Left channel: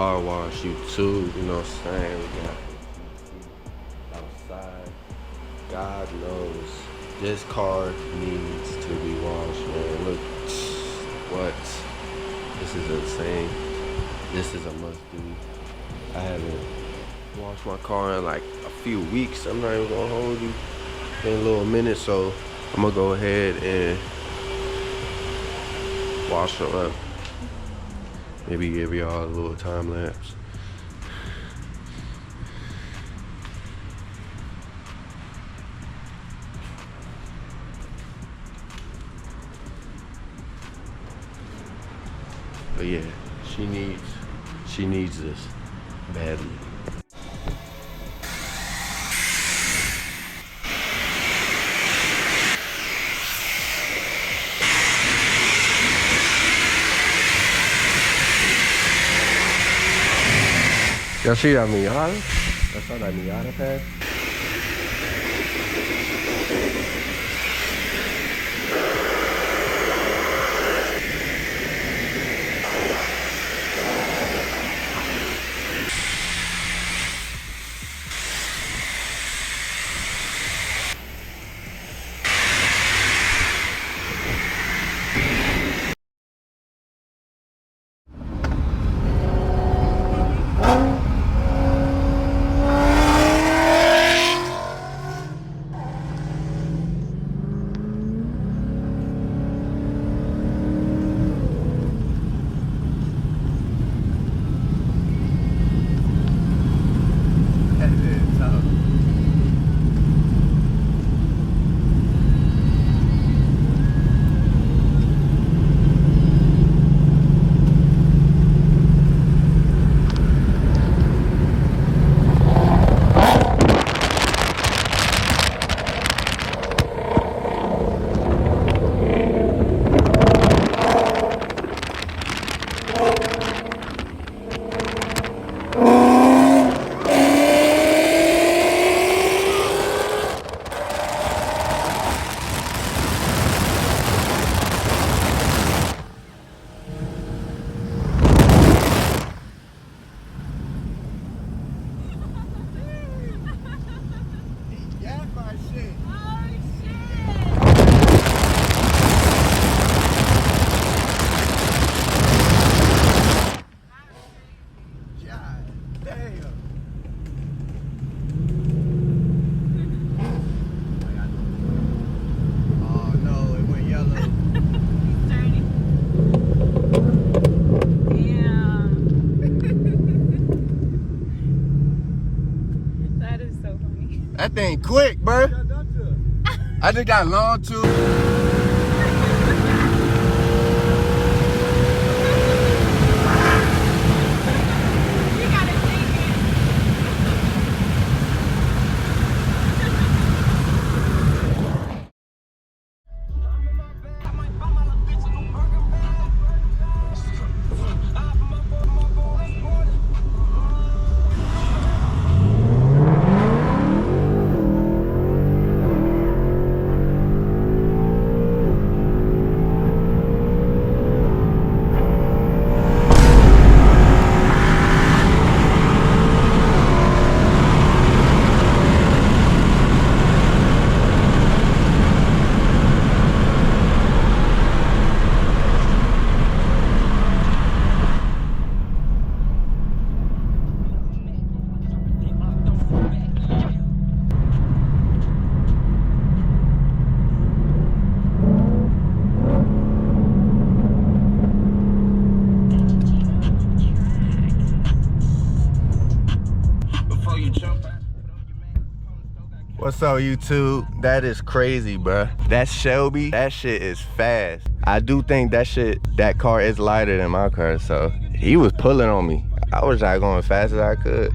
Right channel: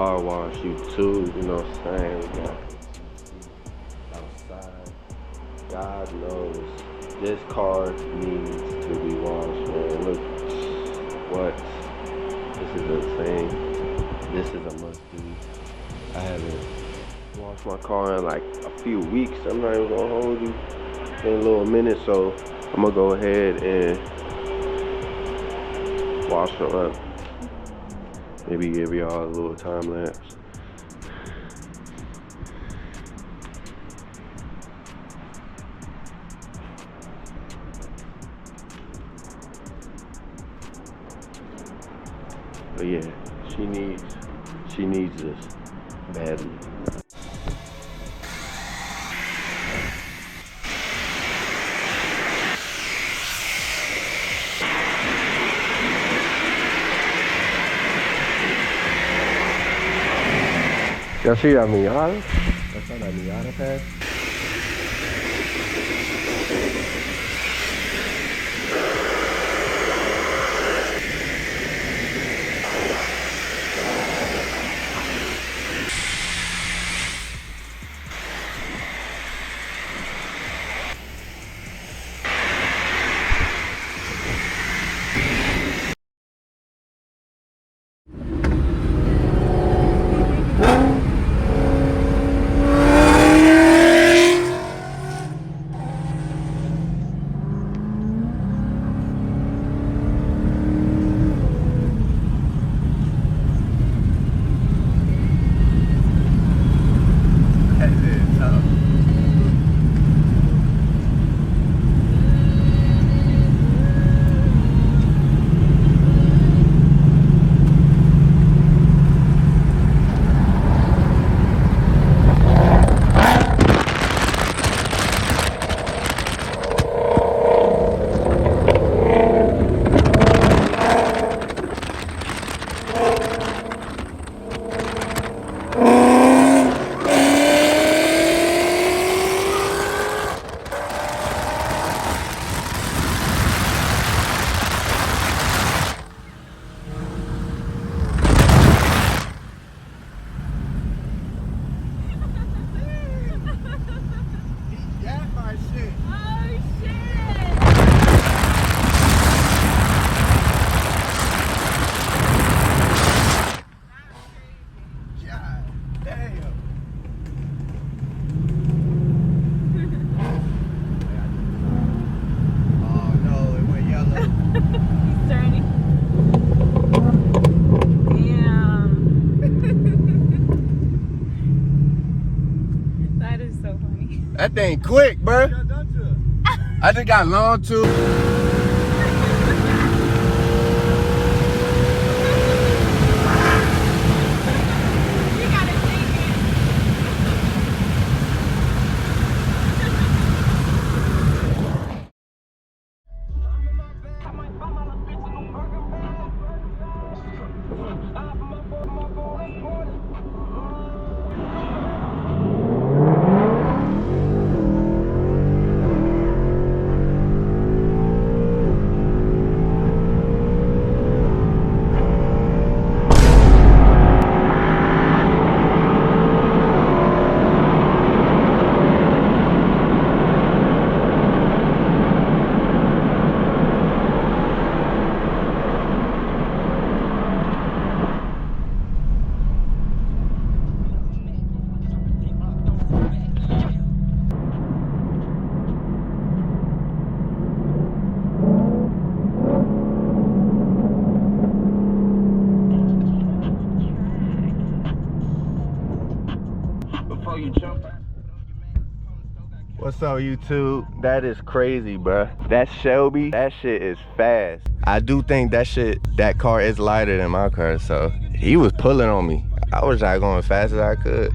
car wash YouTube, you know what I'm saying? We got outside. God knows this car needs to be washed, man. Look, what? This is insane. This is a must do. I haven't washed my car in like a few weeks. I'm not even gonna hold you. It's been a little minute, so I'm gonna go ahead and wash them up. Maybe give y'all a little time lapse. But yeah, she needs this badly. Y'all see that Miata? That's how that Miata passed. That thing quick, bruh. I just got long too. What's up, YouTube? That is crazy, bruh. That Shelby, that shit is fast. I do think that car is lighter than my car, so he was pulling on me. I was like going as fast as I could.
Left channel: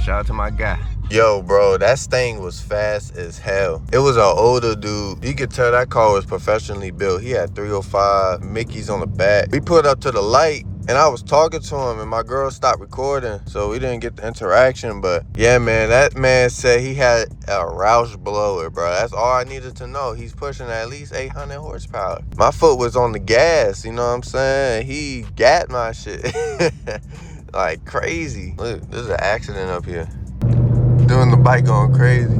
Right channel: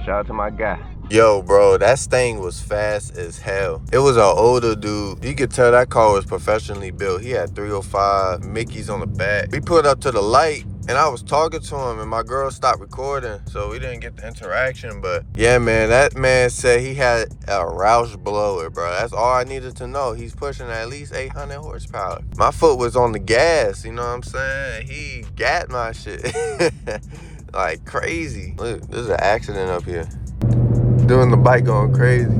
Shout out to my guy. Yo, bro, that thing was fast as hell. It was an older dude. You could tell that car was professionally built. He had 305 Mickeys on the back. We pulled up to the light, And I was talking to him, and my girl stopped recording, so we didn't get the interaction. But yeah, man, that man said he had a Roush blower, bro. That's all I needed to know. He's pushing at least 800 horsepower. My foot was on the gas, you know what I'm saying? He got my shit like crazy. Look, there's an accident up here. Doing the bike going crazy.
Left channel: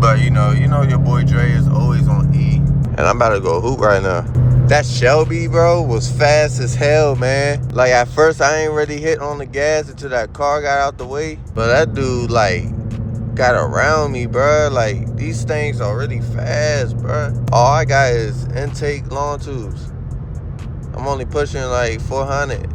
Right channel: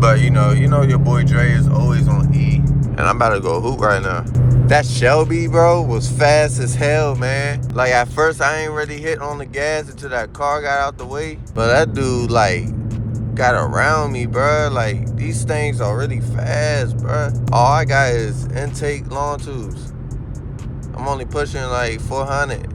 But you know your boy Dre is always on E. And I'm about to go hoop right now. That Shelby, bro, was fast as hell, man. Like, at first, I ain't really hit on the gas until that car got out the way. But that dude, like, got around me, bro. Like, these things are really fast, bro. All I got is intake long tubes. I'm only pushing, like, 400.